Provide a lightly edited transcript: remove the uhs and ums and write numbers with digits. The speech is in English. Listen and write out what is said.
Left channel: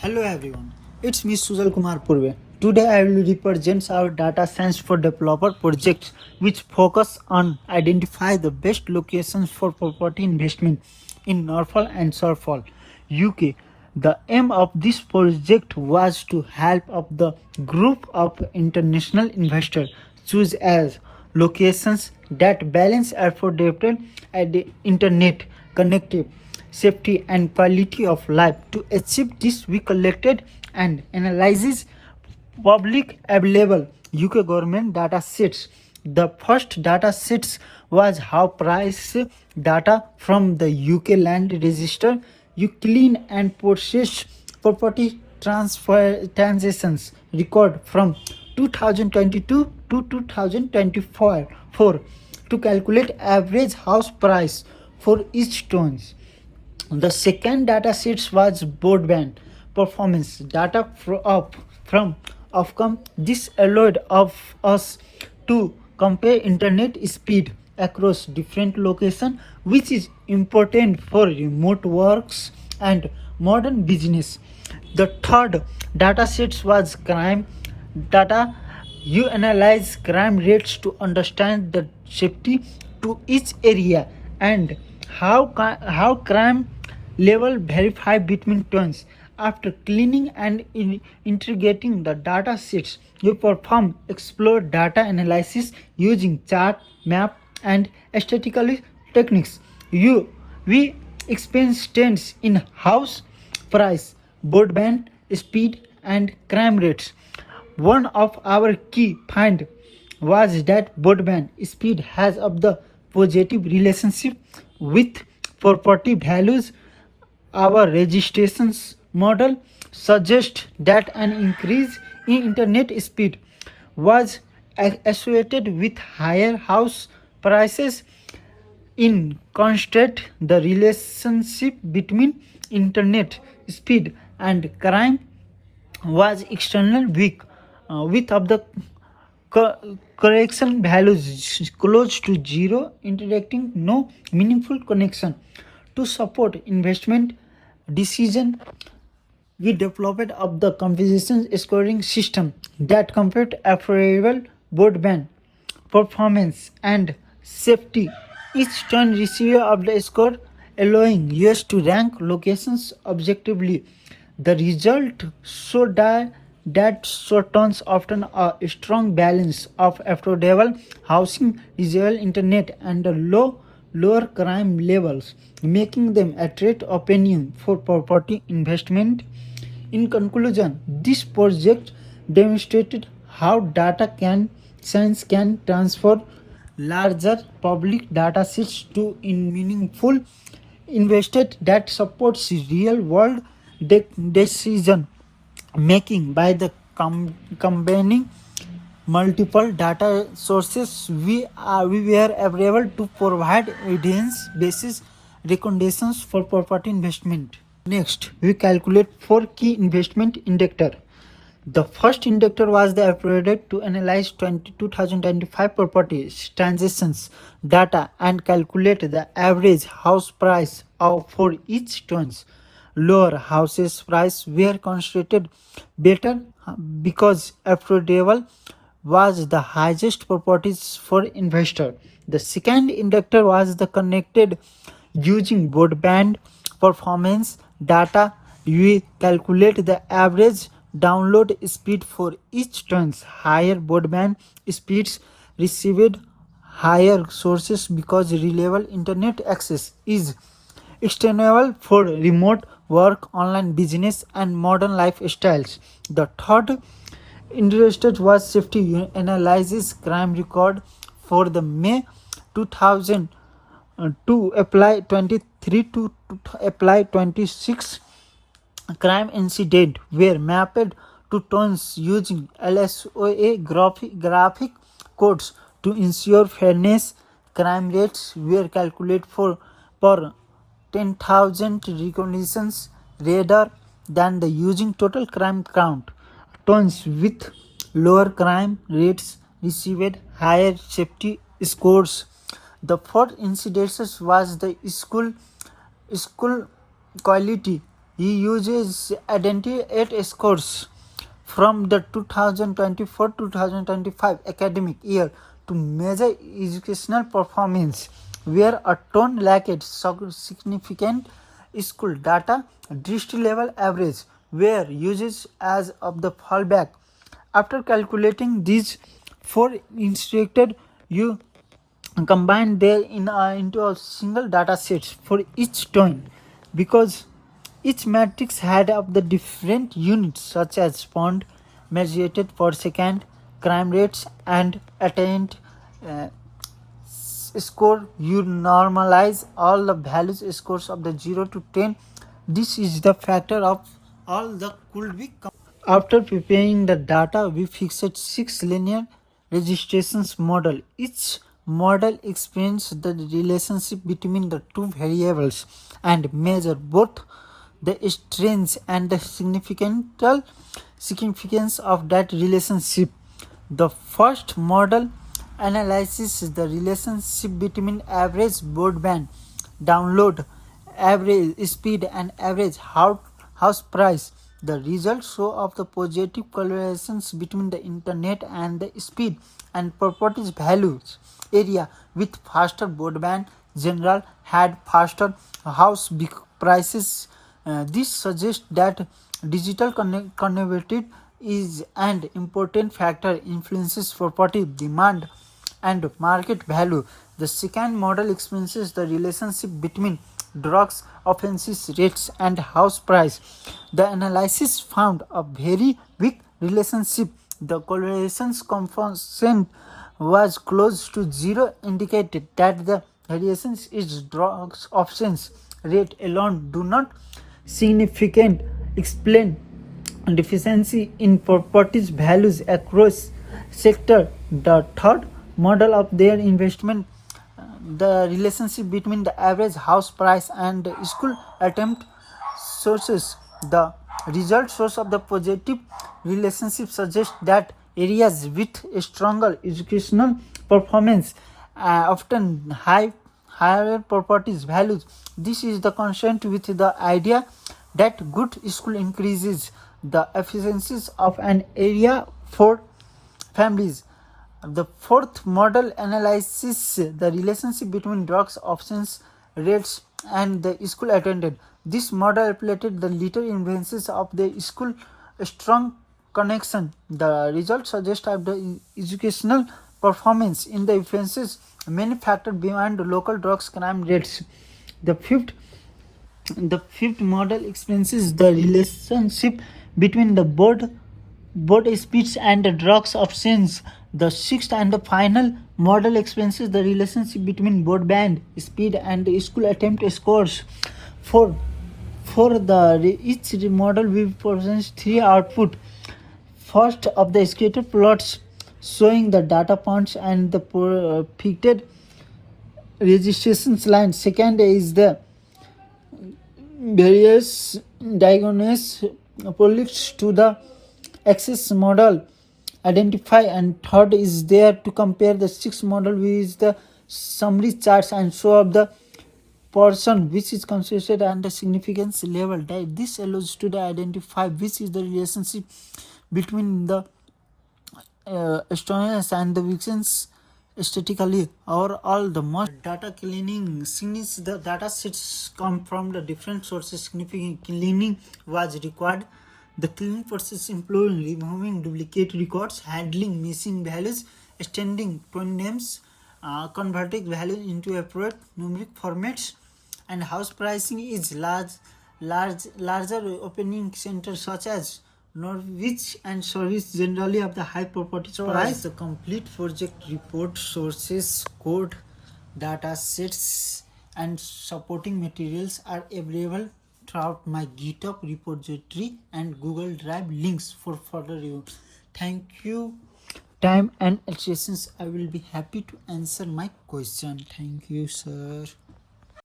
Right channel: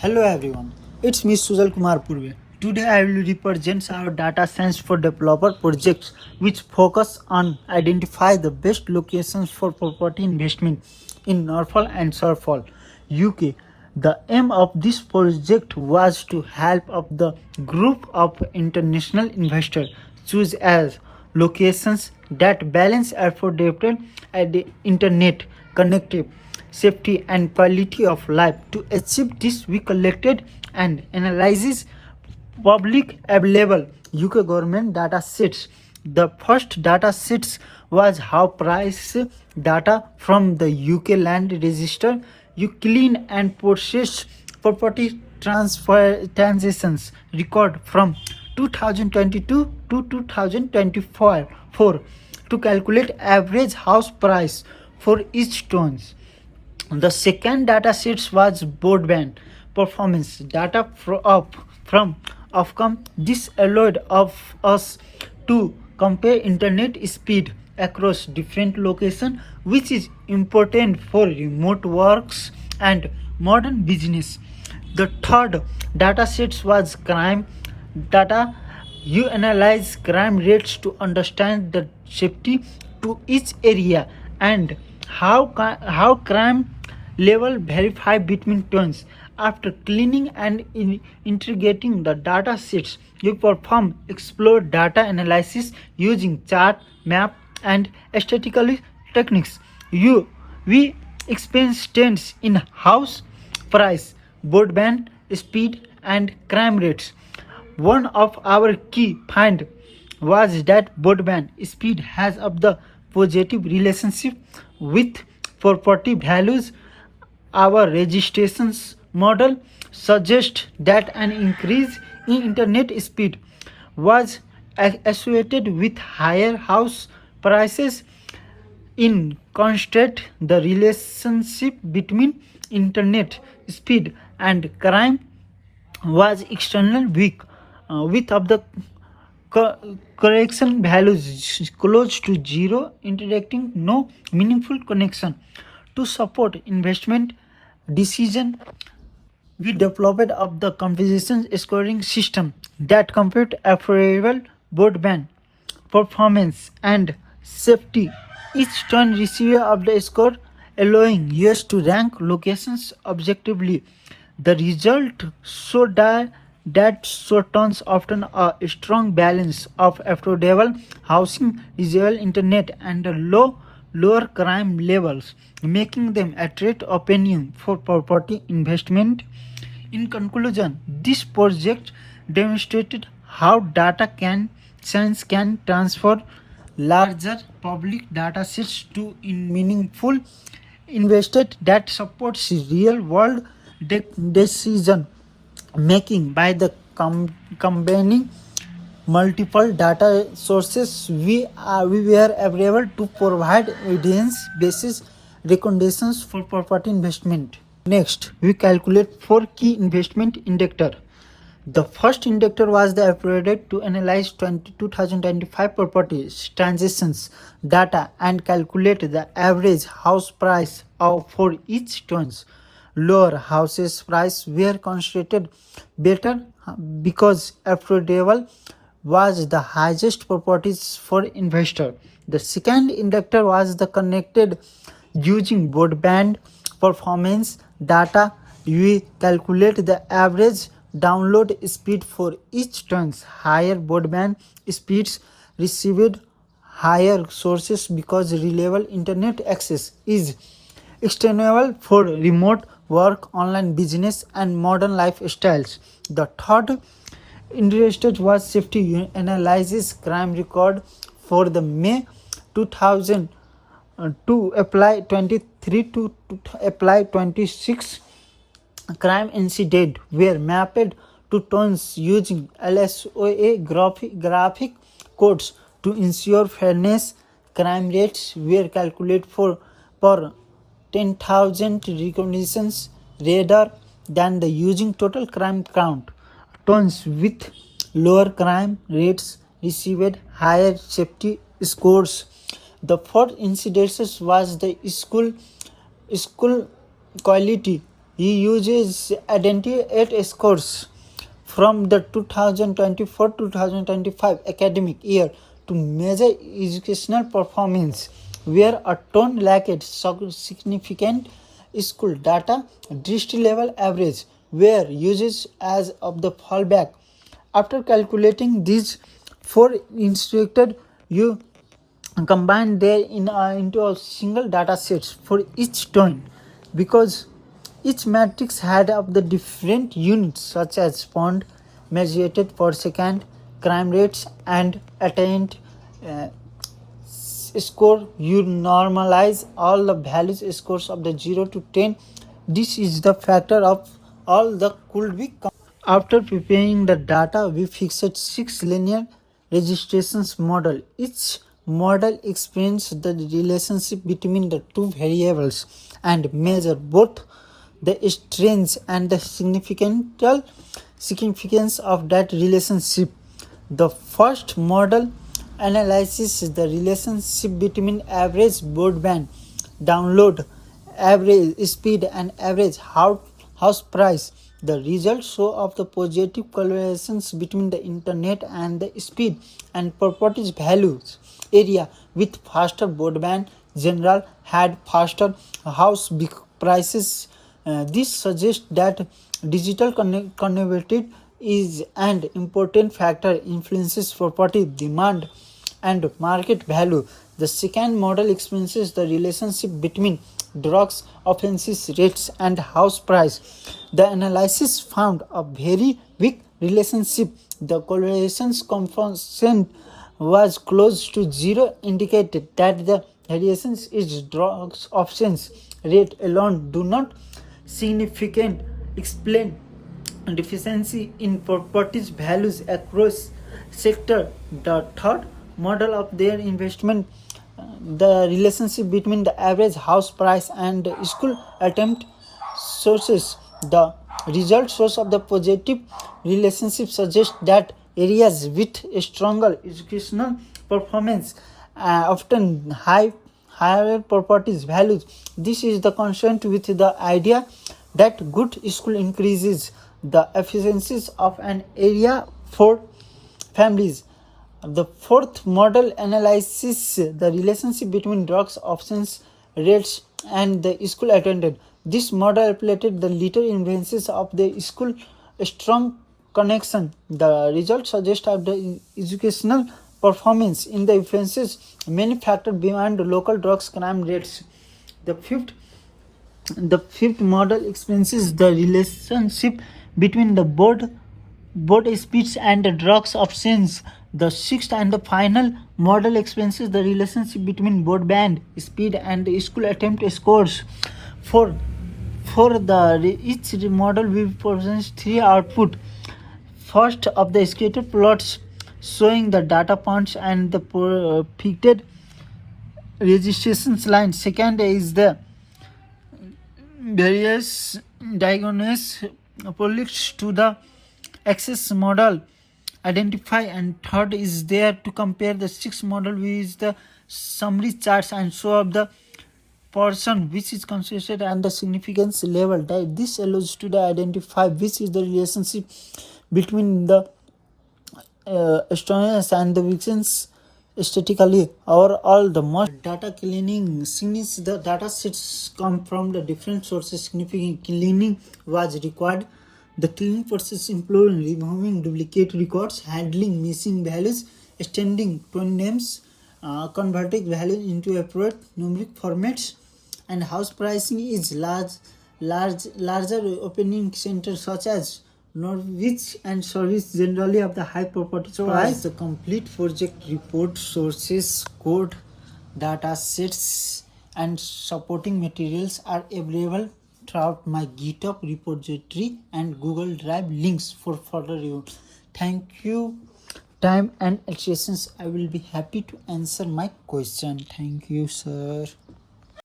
Hello everyone, it's me Sujal Kumar Purve. Today I will represent our data science for developer project which focus on identify the best locations for property investment in Norfolk and Suffolk, UK. The aim of this project was to help of the group of international investors choose as locations that balance affordable and the internet connectivity safety and quality of life. To achieve this, we collected and analyzes public available UK government data sets. The first data sets was how price data from the UK land register. You clean and process property transfer transactions record from 2022 to 2024 to calculate average house price for each towns. The second data set was broadband performance data from Ofcom. This allowed of us to compare internet speed across different locations, which is important for remote works and modern business. The third data set was crime data. You analyze crime rates to understand the safety to each area and how crime level verify between turns. After cleaning and integrating the data sets, you perform explore data analysis using chart, map, and statistical techniques. We experience trends in house price, broadband speed, and crime rates. One of our key find was that broadband speed has of the positive relationship with property values. Our registrations model suggests that an increase in internet speed was associated with higher house prices. In contrast, the relationship between internet speed and crime was extremely weak, with of the correction values close to zero, indicating no meaningful connection. To support investment decision, we developed of the composition scoring system that compute affordable broadband performance and safety. Each turn receiver of the score allowing users to rank locations objectively. The result showed that turns often a strong balance of affordable housing, visual internet, and a lower crime levels, making them attract opinion for property investment. In conclusion, this project demonstrated how data science can transfer larger public data sets to in meaningful invested that supports real world decision making. By the combining multiple data sources, we were able to provide evidence basis recommendations for property investment. Next, we calculate four key investment indicator. The first indicator was the approach to analyze 2025 property transactions data and calculate the average house price of for each towns. Lower houses price were considered better because affordable was the highest properties for investor. The second indicator was the connected using broadband performance data. We calculate the average download speed for each turns. Higher broadband speeds received higher sources because reliable internet access is extendable for remote work, online business, and modern lifestyles. The third interest was safety analysis crime record for the May 2000 to apply 23 to apply 26 crime incident were mapped to towns using LSOA graphic codes to ensure fairness. Crime rates were calculated for per 10,000 recognitions rather than the using total crime count. Towns with lower crime rates received higher safety scores. The fourth incidence was the school quality He uses identity scores from the 2024-2025 academic year to measure educational performance, where a ton lacked significant school data, district level average were used as of the fallback. After calculating these four instructed, you combine them into a single data set for each tone, because each matrix had of the different units such as pond measured per second, crime rates, and attained uh, score. You normalize all the values scores of the 0 to 10. This is the factor of all the could be. After preparing the data, we fixed 6 linear registrations model. Each model explains the relationship between the two variables and measure both the strengths and the significance of that relationship. The first model analyzes the relationship between average broadband download, average speed, and average house price. The results show of the positive correlations between the internet and the speed and properties values. Area with faster broadband general had faster house prices. This suggests that digital connectivity is an important factor influences property demand and market value. The second model explains the relationship between drugs offenses rates and house price. The analysis found a very weak relationship. The correlation's component was close to zero, indicated that the variations is drugs options rate alone do not significant explain deficiency in properties values across sector. The third model of their investment, the relationship between the average house price and school attempt sources. The result shows of the positive relationship suggests that areas with a stronger educational performance often higher properties values. This is the consistent with the idea that good school increases the efficiencies of an area for families. The fourth model analyzes the relationship between drugs options rates and the school attended. This model applied the little influences of the school strong connection. The results suggest that the educational performance in the influences many factors beyond local drugs crime rates. The fifth model explains the relationship between the board speeds and the drugs options. The sixth and the final model explains the relationship between broadband speed and the school attempt scores. For each model we present three output. First of the scatter plots showing the data points and the predicted registrations line. Second is the various diagonals pollutes to the access model identify, and third is there to compare the six model with the summary charts and show up the person which is considered and the significance level. This allows to the identify which is the relationship between the astronomers and the weekends statically. Overall, the most data cleaning, since the data sets come from the different sources, significant cleaning was required. The cleaning process included removing duplicate records, handling missing values, extending twin names, converting values into appropriate numeric formats, and house pricing is larger opening centers such as Norwich and service generally of the high property price. The complete project report, sources, code, data sets, and supporting materials are available throughout my GitHub repository and Google Drive links for further review. Thank you. Time and illustrations. I will be happy to answer my question. Thank you, sir.